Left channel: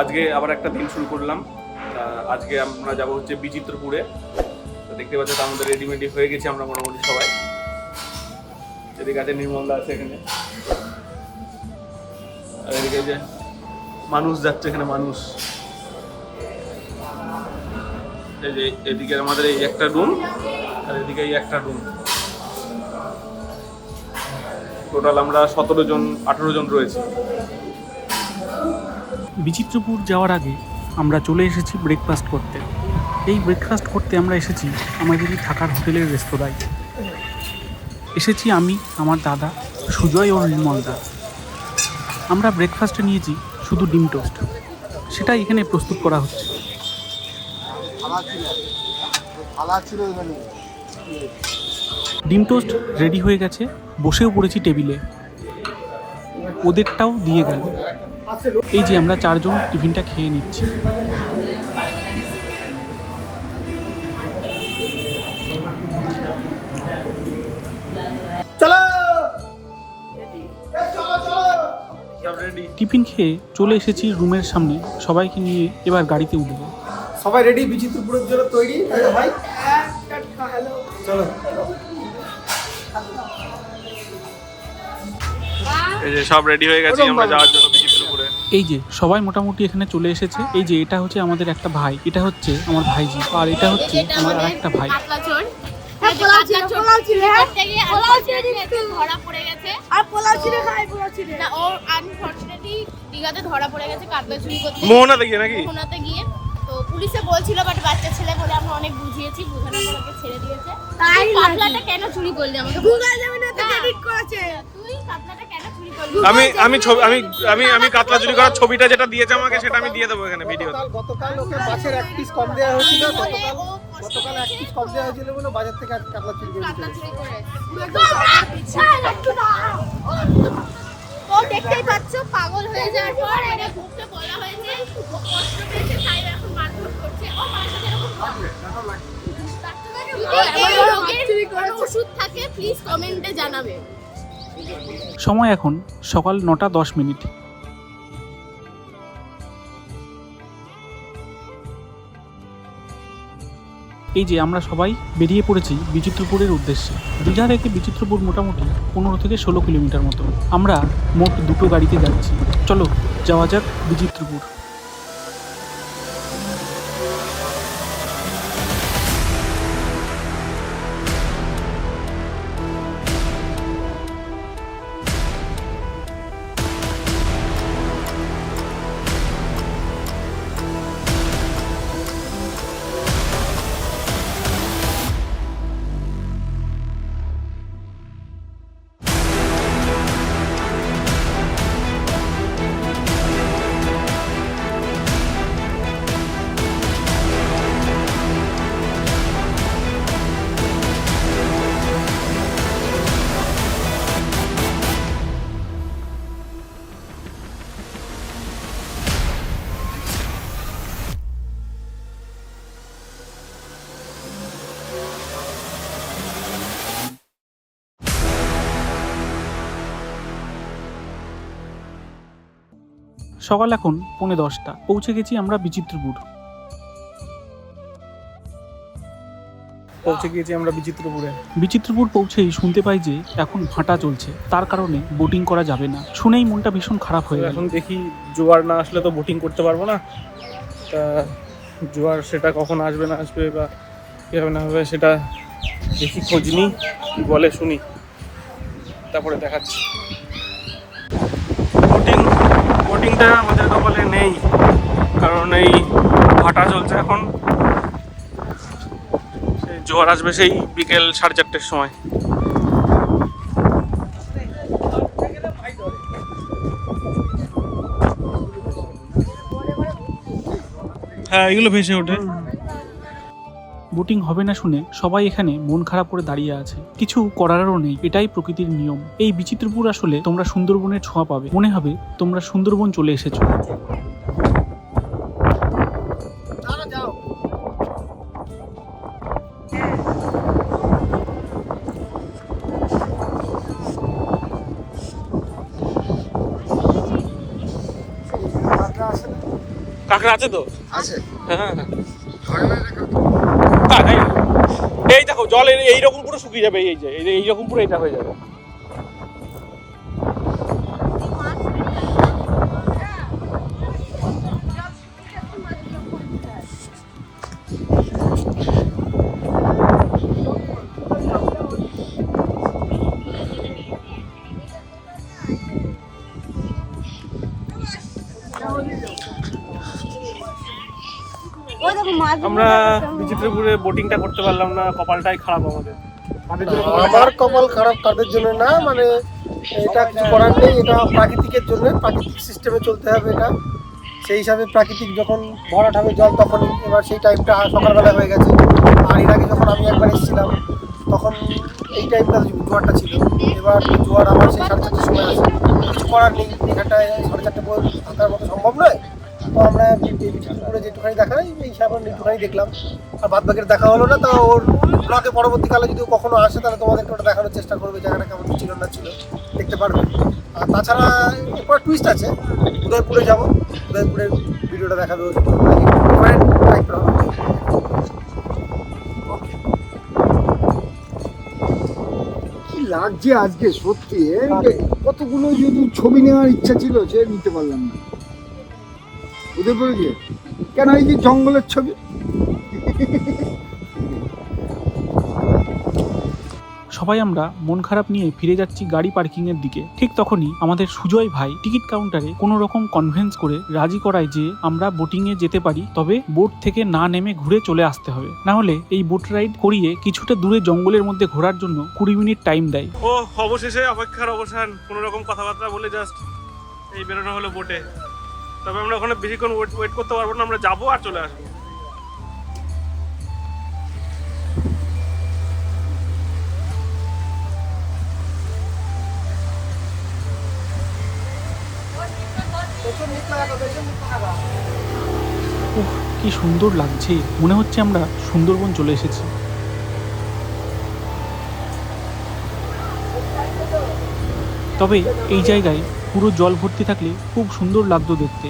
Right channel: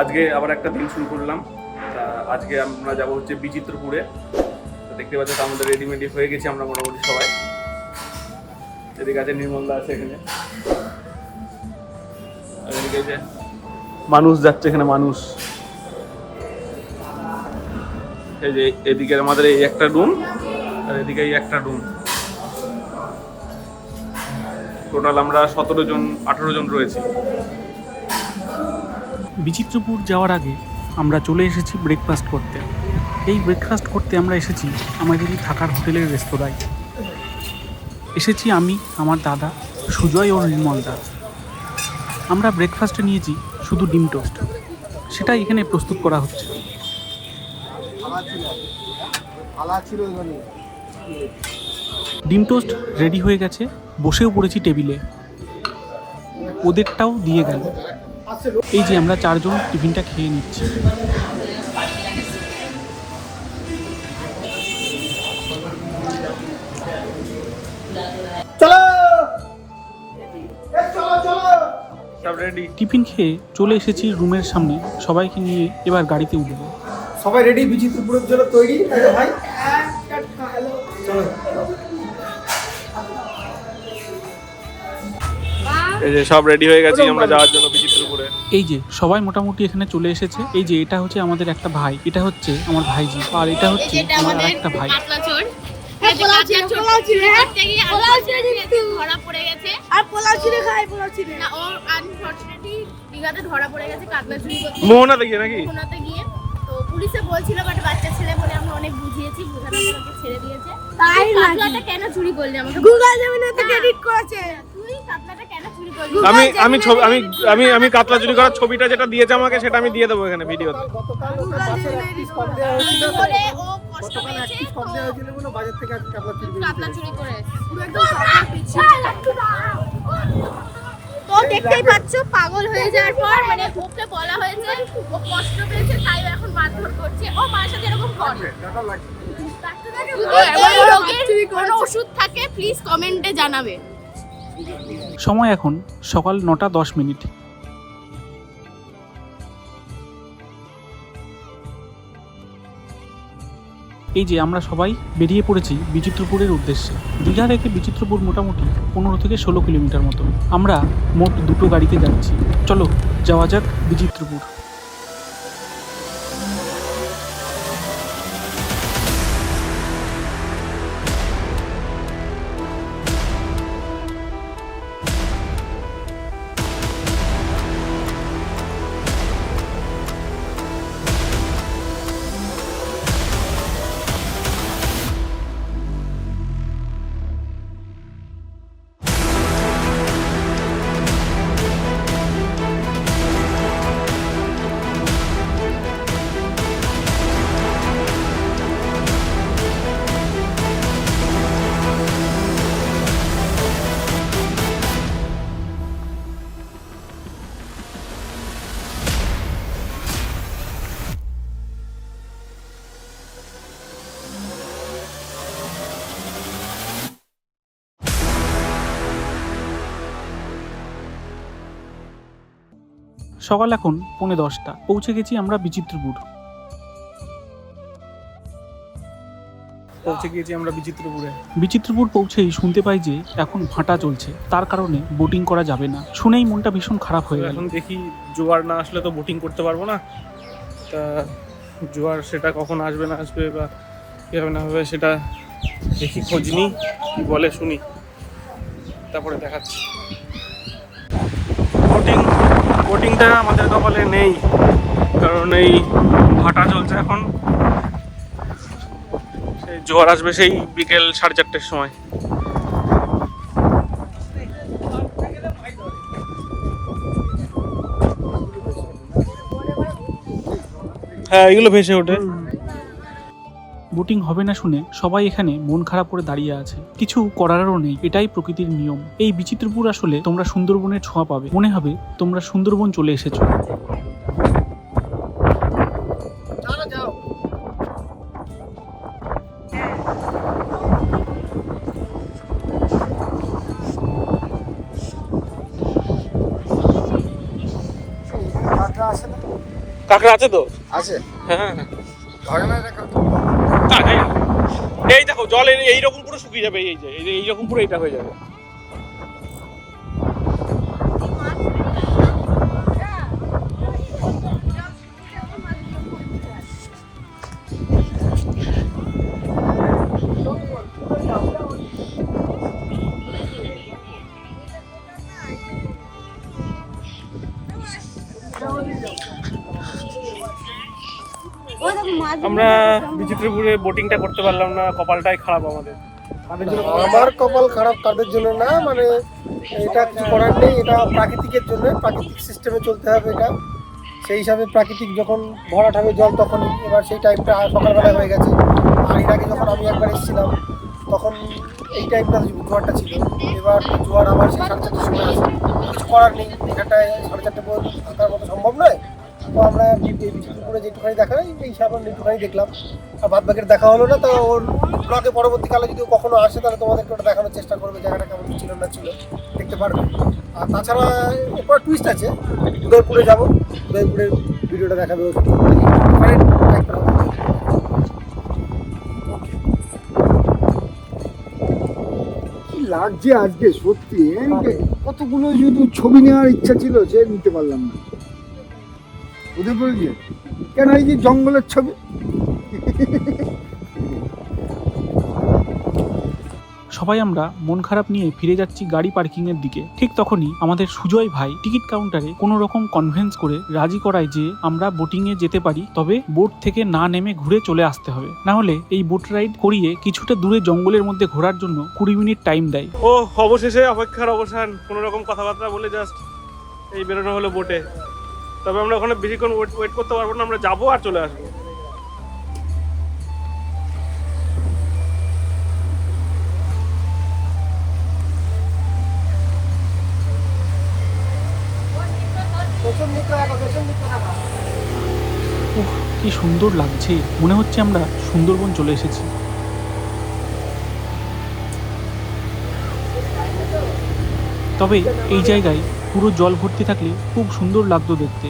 আজকে আবার একটা দিন শুরু করলাম। আজকে আমরা যাবো হচ্ছে বিচিত্রপুরে। তো দেখতে পাচ্ছ তো আমাদের রেডিমেডি হয়ে গেছি আমরা মোটামুটি সবাই। এদিকে আছে নির্মলদা আছে এখানে, আর এদিকে যে মানুষ যাচ্ছে এখানে মানুষ। এই যে এদিকে আমাদের এই একটা রুম আর এদিকে এই একটা রুম, টোটাল আমরা 17 জন 18 জন রয়েছি। বিচিত্রপুর যাওয়ার আগে আমরা চলে এসেছি ব্রেকফাস্ট করতে। এই ব্রেকফাস্ট করতে আমরা এসেছি আমাদেরই থাকার হোটেলের রেস্তোরাঁয়। এসেছি আমি, আমার দাদা সুজয় ও নির্মলদা। আমরা ব্রেকফাস্টে নিয়েছি শুধু ডিম টোস্ট, সেটা এখানে প্রস্তুত করা হচ্ছে। ডিম টোস্ট রেডি হয়ে গেছে, বসেও পড়েছি টেবিলে, ওদেরটাও দিয়ে গেল। এই যে আমরা 4 জন টিফিনটা খেয়ে নিচ্ছি। টিফিন খেয়ে চলে এসেছি রুমের সামনে, সবাইকে নিয়ে এবার গাড়িতে উঠবো। সবাই রেডি বিচিত্রপুরের জন্য তৈরি ভাই? চলো। এই যে সব রেডি হয়ে গেছি আমরা যাওয়ার জন্য বিচিত্রপুরে। এই যে সবাই মোটামুটি এখানে চলে এসেছে। এই যে এটা হচ্ছে আমাদের একটা ভাই, এটা হচ্ছে আমার ভাইজি, আর এটা হচ্ছে আমার আরেকটা ভাই। মোহনা দেখিয়ে নাকি তো পুলিশে বলছিল, বাট বাচ্চা ছেলে বলে আমরা অনেক বুঝিয়েছি, বুঝানোর পর ওকে ছেড়ে দিয়েছে। তাই কাতলাটা কেন চুরি করলি? আমাকে গুগল জমিনে তো এডিট করেছে। তুই কাতলাটা কেন চুরি করলি? আমি কাতলা চুরি করার ছবিটা যেটা দিয়েছে আমাকে সেটা আমি দিয়ে দেবো এখানে ভিডিওতে। গতকাল ওর কাছের এক পিস কম দেওয়া হয়েছিল, গতকাল এক পিস কম দেওয়া হয়েছিল বলে বাজার থেকে আজকে কাতলা চুরি করে পুরো একদম চাপা পিছিয়ে ও দেখতেই পাচ্ছ, পাগল হয়ে যাওয়ার পর মানে ওকে বলা হয়েছে, ও কষ্ট পেয়েছে তাই এখন মারধর করছে। ও মানুষের সাথে এরকম করে এই রোগের কোনো ওষুধ থাকে প্লিজ কমেন্টে জানাবে। সময় এখন সকাল 9:10। এই যে আমরা সবাই বেরিয়ে পড়েছি বিচিত্রপুরের উদ্দেশ্যে। দীঘা থেকে বিচিত্রপুর মোটামুটি 15 থেকে 16 কিলোমিটার মতো। আমরা মোট 2টো গাড়িতে যাচ্ছি। চলো যাওয়া যাক বিচিত্রপুর। সকাল এখন 9:45। পৌঁছে গেছি আমরা বিচিত্রপুর। বিচিত্রপুর পৌঁছেই শুনতে পাই যে এখন ভাটা চলছে, তার কারণে বোটিং করা যাবে না। শুনেই মনটা ভীষণ খারাপ হয়ে গেল। এখন দেখি জোয়ার না আসলে তো বোটিং করতে পারবো না। তা জোয়ার সেটা কখন আসবে না আসবে বা কী হবে না হবে সেটা দেখি, খোঁজ নিই, কী বলে শুনি, তারপরে দেখাচ্ছি। বোটিংটা আমাদের কপালে নেই, কারণ এই ভাটা চলছে এখন। সেই জোয়ার আসবে সেই বিকেল 4:30-র সময়। হ্যাঁ, এগুলো ভেসে ওঠে। বোটিং হবে না শুনে সবাই এখানে মন খারাপ করে দাঁড়িয়ে আছে, কিছু করারও নেই, এটাই প্রকৃতির নিয়ম। এই বিচিত্রপুর আসলে তোমরা সুন্দরবনের ছোঁয়া পাবে, মনে হবে তোমরা সুন্দরবন চলে এসেছো। কাঁকড়া আছে তো? আছে। হ্যাঁ হ্যাঁ। ধরে না দেখা। এই দেখো জল এইরকম পুরো শুকিয়ে যাবে, এই যে এইরকম পুরো এটা হয়ে যাবে। আমরা বিচিত্রপুরে বোটিংটা করতে পারলাম না, কপালটাই খারাপ আমাদের। আমার কপাল খারাপ তাদের জন্য না, মানে এটা কিছু করার নেই, এটা প্রাকৃতিকের জন্য, প্রাকৃতিক সিস্টেমে চলতে হবে এটা। সেই হিসাবে প্রাকৃতিক যখন ভরাট হবে জল তখনই, এবার সেই টাইমটা সকালবেলা হয়ে গেছে। আর এর আগে যখন আমি একবার এসেছিলাম তখন এই টাইমটা জোয়ারটা ছিল, এবার জোয়ার আবার সেই 4:30টার সময় আসে। কিছু করার নেই, এখানটায় 4:30 পর্যন্ত থাকার মতো সম্ভব নয়। তো আমরা বিচিত্রপুরে যেটুখানি দেখা যায় এই সাধারণ একটুখানি দেখলাম, আর বাদ বাকির দেখা হলো না। তো ওর ব্লগে পরবর্তীকালে যদি কখনো আসে তাহলে তোমাদেরকে ওটা দেখানোর চেষ্টা করবে, জায়গাটা কেমন ছিল না ছিল দেখতে পারবে। আর তাছাড়া এরপর টুইস্ট আছে, উদয়পুরে যাবো, উদয়পুরের ভিডিওটা দেখাবে। কি লাগছে আজকে সত্যি, কতগুলো যেহেতু ছবি নেওয়ার ইচ্ছা ছিল সে নিতে পারলাম না। উদয়পুরে গিয়ে কেন এই যে জঙ্গলের ছবি। সবাই আমরা মন খারাপ নিয়ে ফিরে যাচ্ছি গাড়ি পার্কিং এর দিকে। ঠিক তখনই আমাদের সুজয় ভাই টিকিট কাউন্টারে কোনো রকম কনভিন্স করে রাজি করায় যে আমরা বোটিং এ যেতে পারি, তবে বোট থেকে না নেমে ঘুরে চলে আসতে হবে, না হলে এই বোট রাইড করিয়ে কিছুটা দূরে জঙ্গলের মধ্যে ঘোরার জন্য 20 মিনিট টাইম দেয়। ও অবশেষে অপেক্ষার অবসান, কোনো রকম কথাবার্তা বলে জাস্ট এই বেরোনো হলো বোটে। তবে আমরা ওখানে বেশিক্ষণ ওয়েট করতে পারবো না, আমরা যাবো আর চলে আসবো। উফ, কি সুন্দর লাগছে, মনে হচ্ছে আমরা সুন্দরবন চলে এসেছি। তবে এই জায়গায় পুরো জল ভর্তি থাকলে খুব সুন্দর লাগতো দেখতে।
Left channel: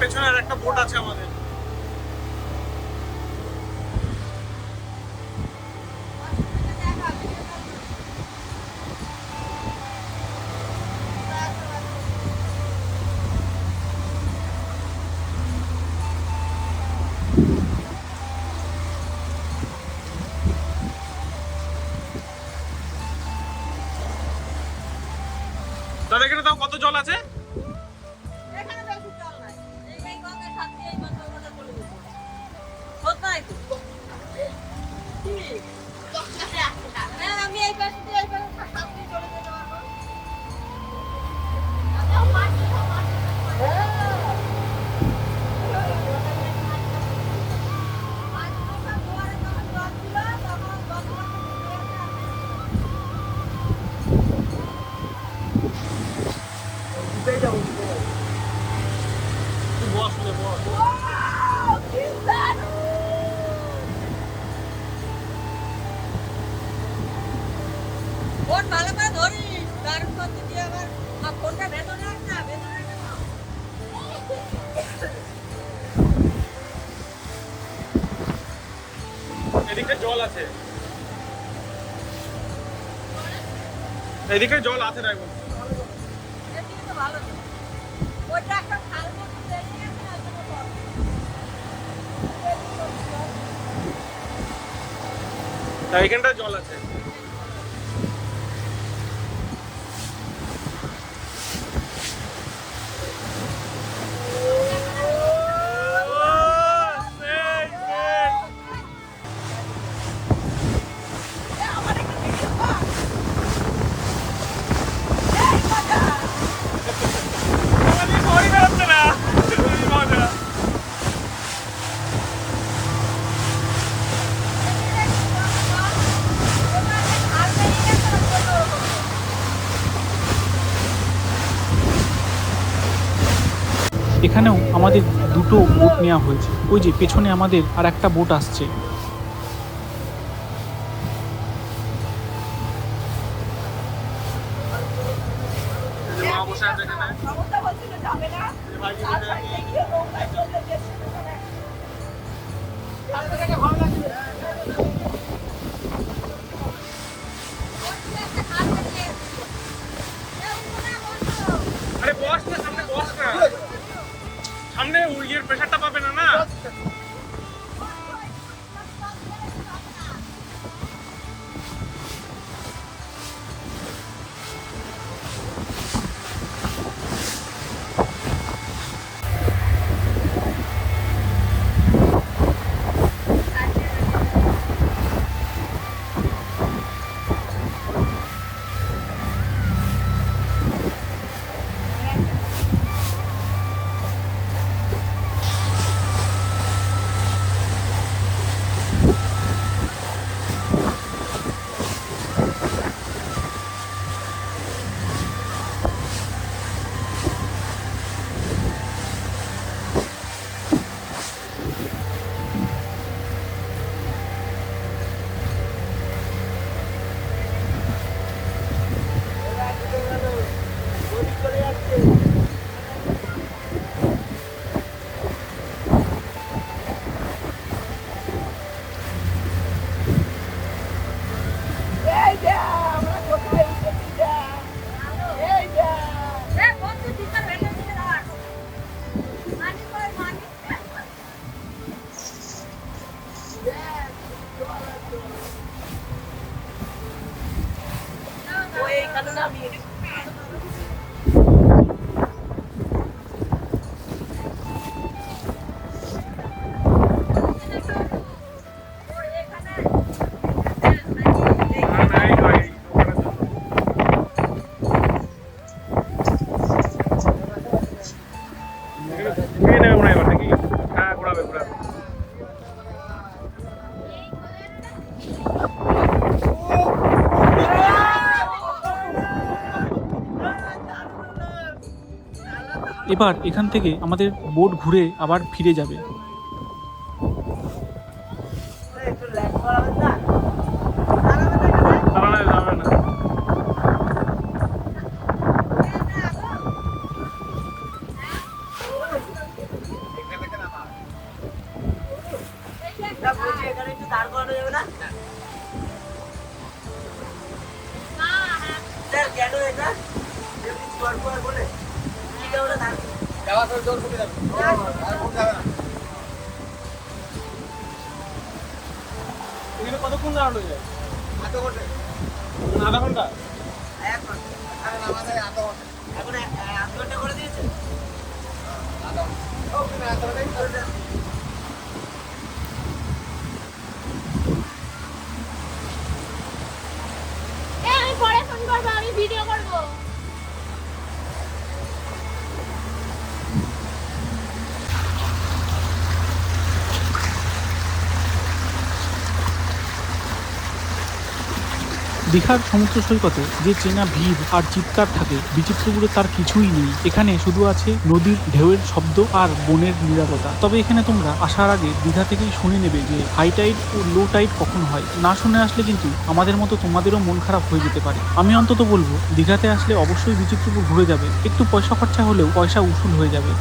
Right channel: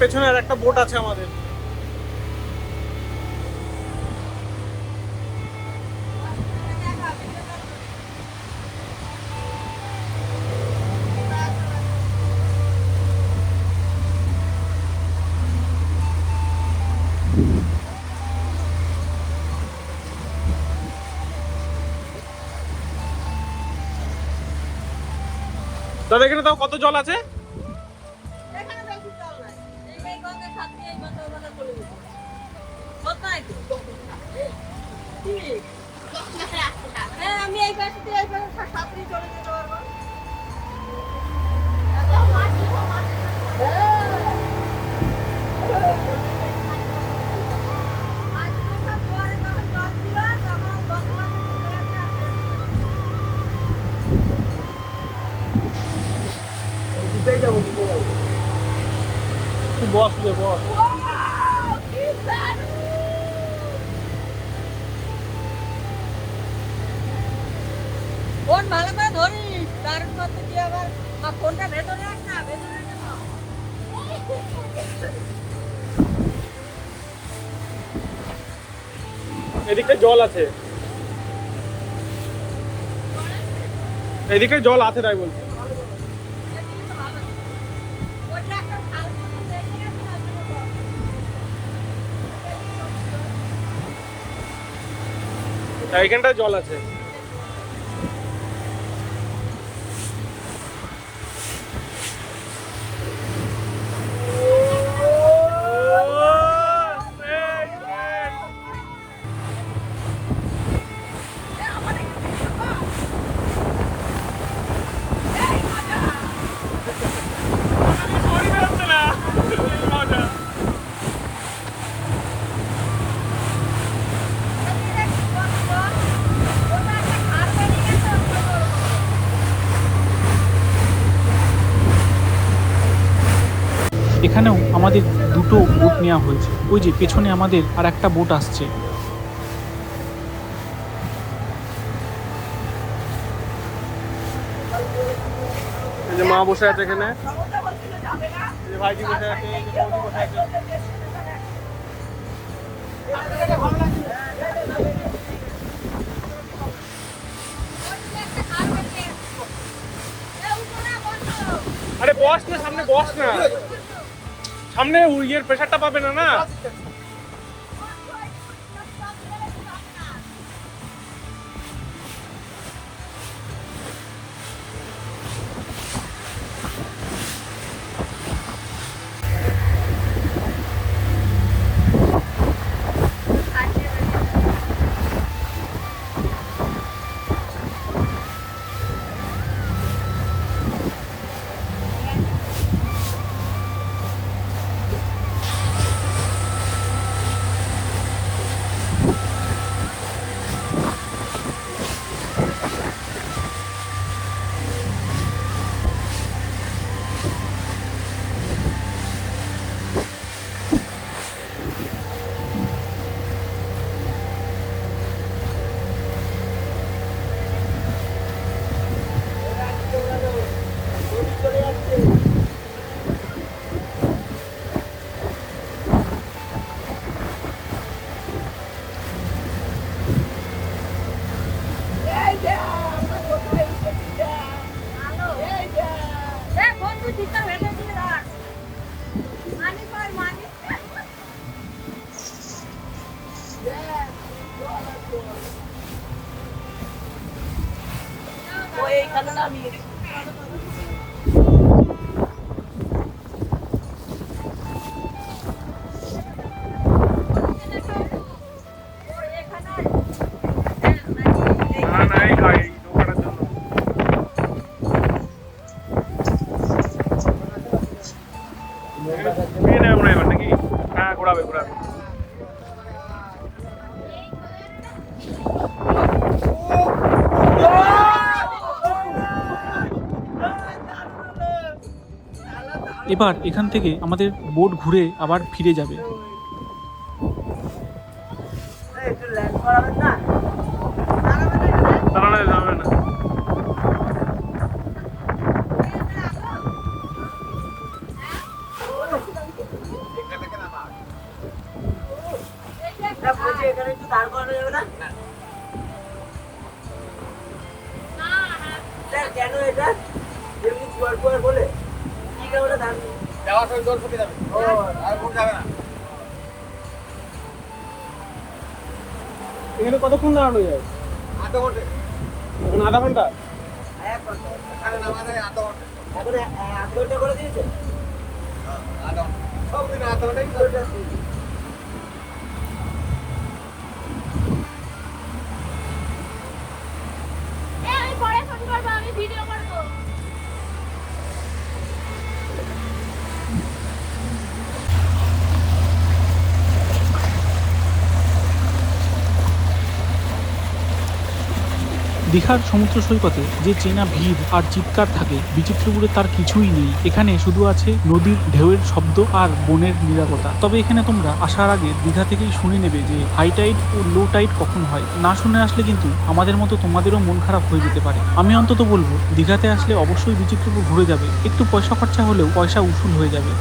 পেছনে আর একটা বোট আছে আমাদের। দাদা এখানে তাও কত জল আছে? আমি এই পাশে দিয়ে এই পাশে সাথে চলে যেতে পারবো। তুই বস রে বস। এদিকে জল আছে, এদিকে জল আছে তাই বলছি। এইখানটায় জল আছে। এখানেও আমাদের দুটো বোট নেওয়া হয়েছে। ওই যে পেছনে আমাদের আর একটা বোট আসছে। এই যে মা বসে আছে এখানে, এই যে ভাইজি বসে আছে, আরে বস না, সামনে বস না, সামনে ইয়ের প্রেশারটা পাবে না না। এবার এখান থেকে আমাদের বোট ঘুরে আবার ফিরে যাবে। এখানে কতক্ষণ দাঁড়ানো যায়? আধা ঘন্টা। করে দিয়েছে আমি পরে ফোন করবো, আমি ভিডিও করবো। দীঘার সমুদ্র সৈকতে যে চেনা ভিড় আর চিৎকার থাকে, বিচিত্রপুরে তার কিছুই নেই। এখানে শুধু আছে নদীর ঢেউয়ের শব্দ আর বনের নীরবতা। তবে এখানে তোমরা আসার আগে দীঘা থেকেই শুনে নেবে যে হাই টাইড ও লো টাইড কখন হয়। না শুনে আসলে কিন্তু আমাদের মতো তোমাদেরও মন খারাপ হয়ে যেতে পারে। আমি অন্তত বলবো দীঘাতে আসলে অবশ্যই বিচিত্রপুর ঘুরে যাবে। একটু পয়সা খরচা হলেও পয়সা উসুল হয়ে যাবে।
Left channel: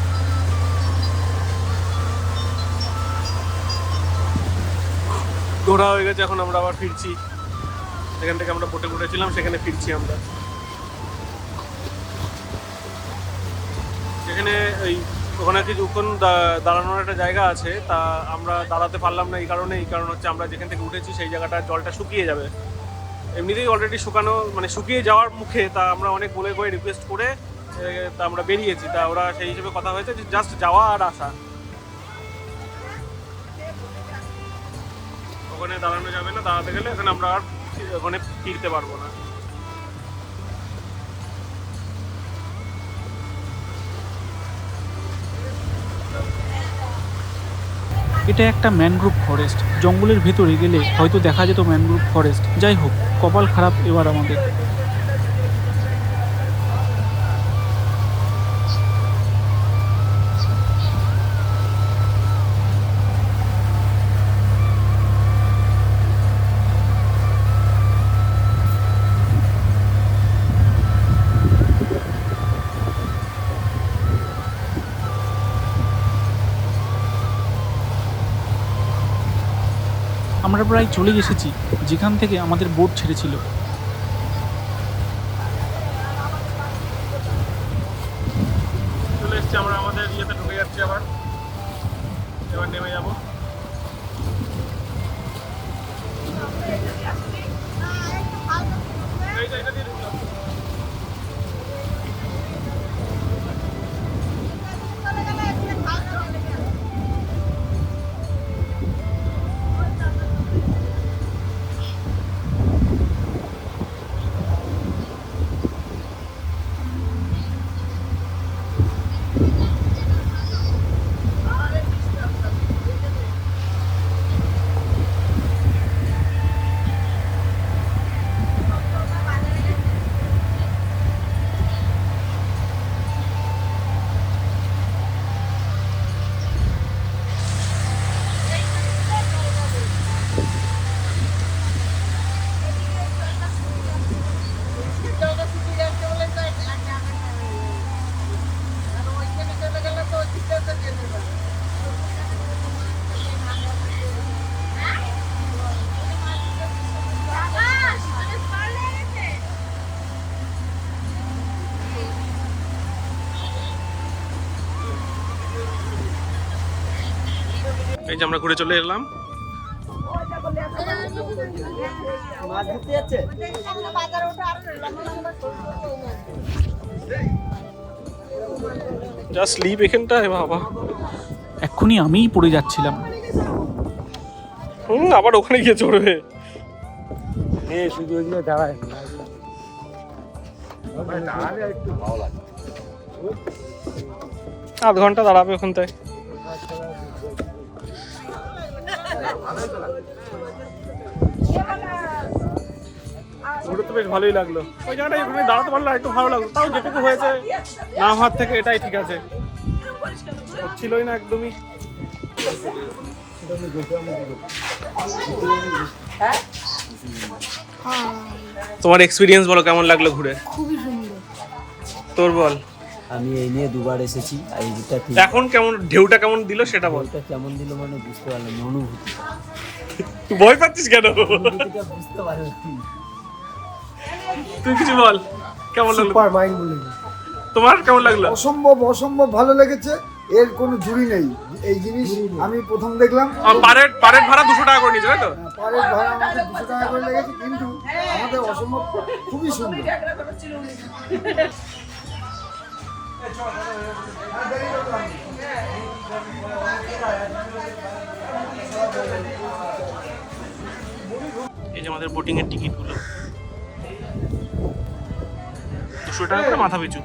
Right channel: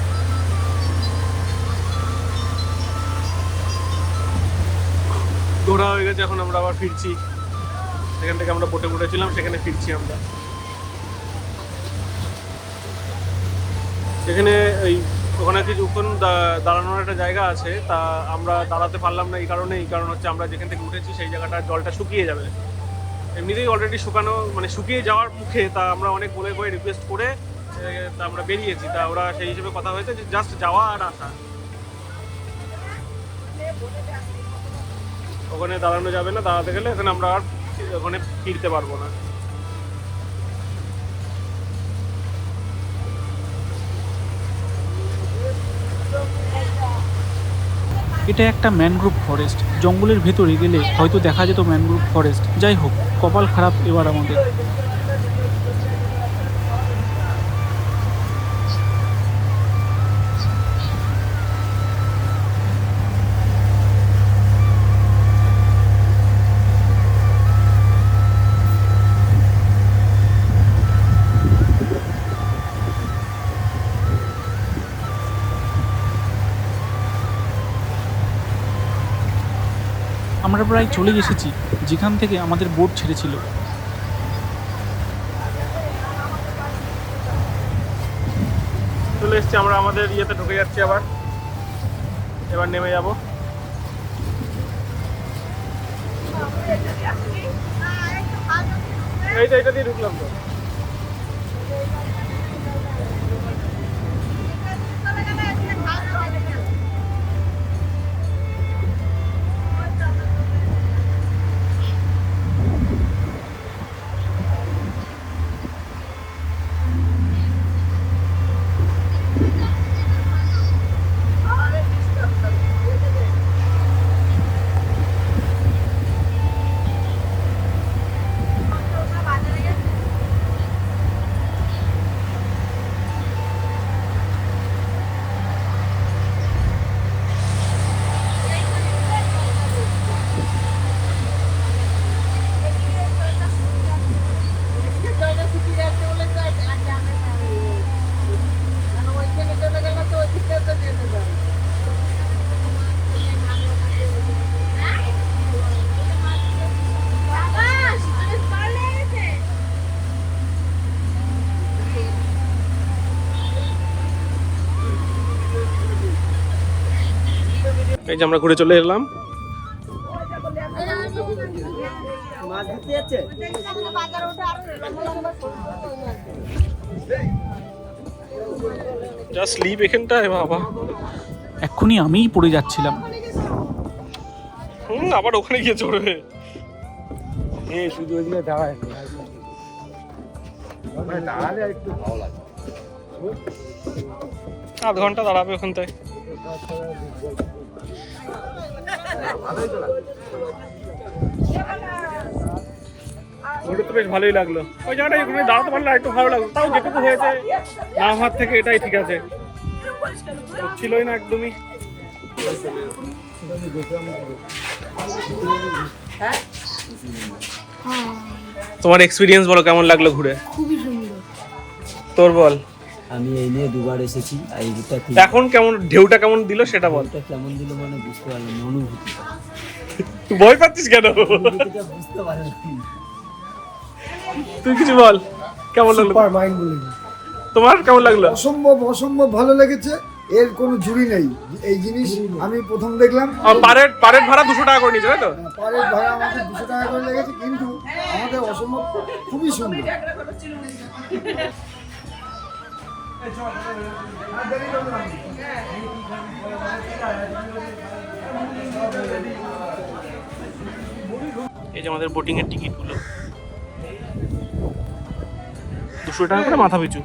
ঘোরা হয়ে গেছে, এখন আমরা আবার ফিরছি। সেখান থেকে আমরা বোটে উঠেছিলাম, সেখানে ফিরছি আমরা। সেখানে ওখানে কিছুক্ষণ দাঁড়ানোর একটা জায়গা আছে, তা আমরা দাঁড়াতে পারলাম না। এই কারণ হচ্ছে আমরা যেখান থেকে উঠেছি সেই জায়গাটা জলটা শুকিয়ে যাবে। এমনিতেই অলরেডি শুকিয়ে যাওয়ার মুখে, তা আমরা অনেক বলে রিকোয়েস্ট করে তা আমরা বেরিয়েছি। তা ওরা সেই হিসেবে কথা হয়েছে যে জাস্ট যাওয়া আর আসা, ওখানে দাঁড়ানো যাবে না। দাঁড়াতে গেলে এখানে আমরা আর ওখানে ফিরতে পারবো না। এটা একটা ম্যানগ্রোভ ফরেস্ট। জঙ্গলের ভেতরে গেলে হয়তো দেখা যেত ম্যানগ্রোভ ফরেস্ট। যাই হোক, কপাল খারাপ এবার আমাদের। আমরা প্রায় চলে এসেছি যেখান থেকে আমাদের বোট ছেড়েছিল। চলে এসছি আমরা আমাদের ইয়েতে ঢুকে যাচ্ছি আবার, এবার নেমে যাবো। এইটা দিয়ে ঢুকলাম তো। এই যে আমরা ঘুরে চলে এলাম। যা স্লিপ এখানটায় বাবা, এক্ষুনি আমিই পড়ে যাচ্ছিলাম। আবার ওখানে গিয়ে চড়বে। শুধু ওইগুলো দাঁড়ায় দাঁড়ালে একটু ভালো লাগে। আধ ঘন্টা দাঁড়াবে ওখানটায়। ঘুরে তো বেশ ভালোই লাগলো। ওই জায়গাটায় ওখানে দাঁড়াতে পারলে একটু ভালো লাগলো, তাও যেটুকু হয়েছে না হাত থেকে এটাই ঠিক আছে, হচ্ছিলই না একদমই। তোমার এক্সপিরিয়েন্স বলো, কেমন লাগলো ঘুরে? খুবই সুন্দর। তোর বল। আমি এই নিয়ে দুবার এসেছি আর এইটা ঠিক এখন কেমন ঢেউটা কেমন দিল সেটা বল। এটা কেমন দিল মানে বুঝতে পারলাম না, অনুভূতি ভয় পাচ্ছিস কেন? অনুভূতিটা বুঝতে পারলাম না। তুই কিছু বল, কেমন লাগলো? সুপার মাইন্ড বলে তোমার কেমন লাগলো? অসম্ভব অসম্ভব ভালো লেগেছে, এর কোনো জুড়ি নেই। এই জিনিস আমি প্রথম দেখলাম। পারের ভাড়া 200 টাকা করে নিয়েছে, তাই তো? পারের ভাড়া আমাদের 200 টাকা করে লেগেছে, কিন্তু আমাদের অসম্ভব খুবই সুন্দর। এই যে আমাদের বোটিং এর টিকিট গুলো 200 টাকা করে মাথা পিছু।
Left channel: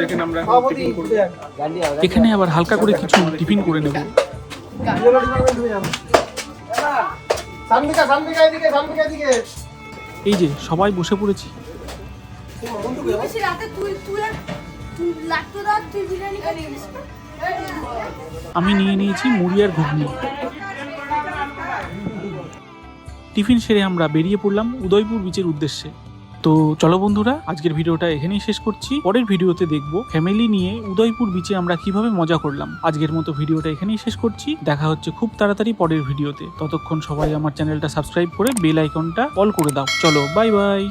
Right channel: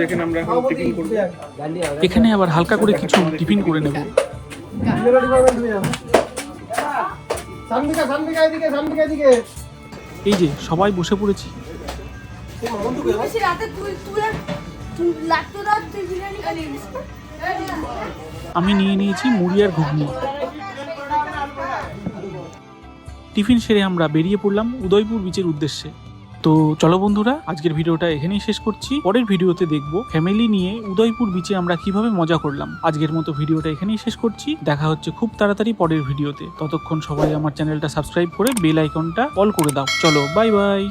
যেখানে আমরা এখন টিফিন করবো। এখানে আবার হালকা করে কিছু টিফিন করে নেব। এই যে সবাই বসে পড়েছি। আমি নিয়ে নিয়েছি মুড়ি আর ঘুগনি। টিফিন সেরে আমরা বেরিয়ে পড়লাম উদয়পুর বিচের উদ্দেশ্যে। তো চলো বন্ধুরা, আজকের ভিডিওটা এখানেই শেষ করছি। পরের ভিডিওতে দেখবো ফ্যামিলি নিয়ে উদয়পুর বিচে আমরা কিভাবে মজা করলাম। আজকের মতো ভিডিওটা এখানেই শেষ করছি। দেখা হচ্ছে খুব তাড়াতাড়ি পরের ভিডিওতে। ততক্ষণ সবাই আমার চ্যানেলটা সাবস্ক্রাইব করে বেল আইকনটা অল করে দাও। চলো বাই বাই।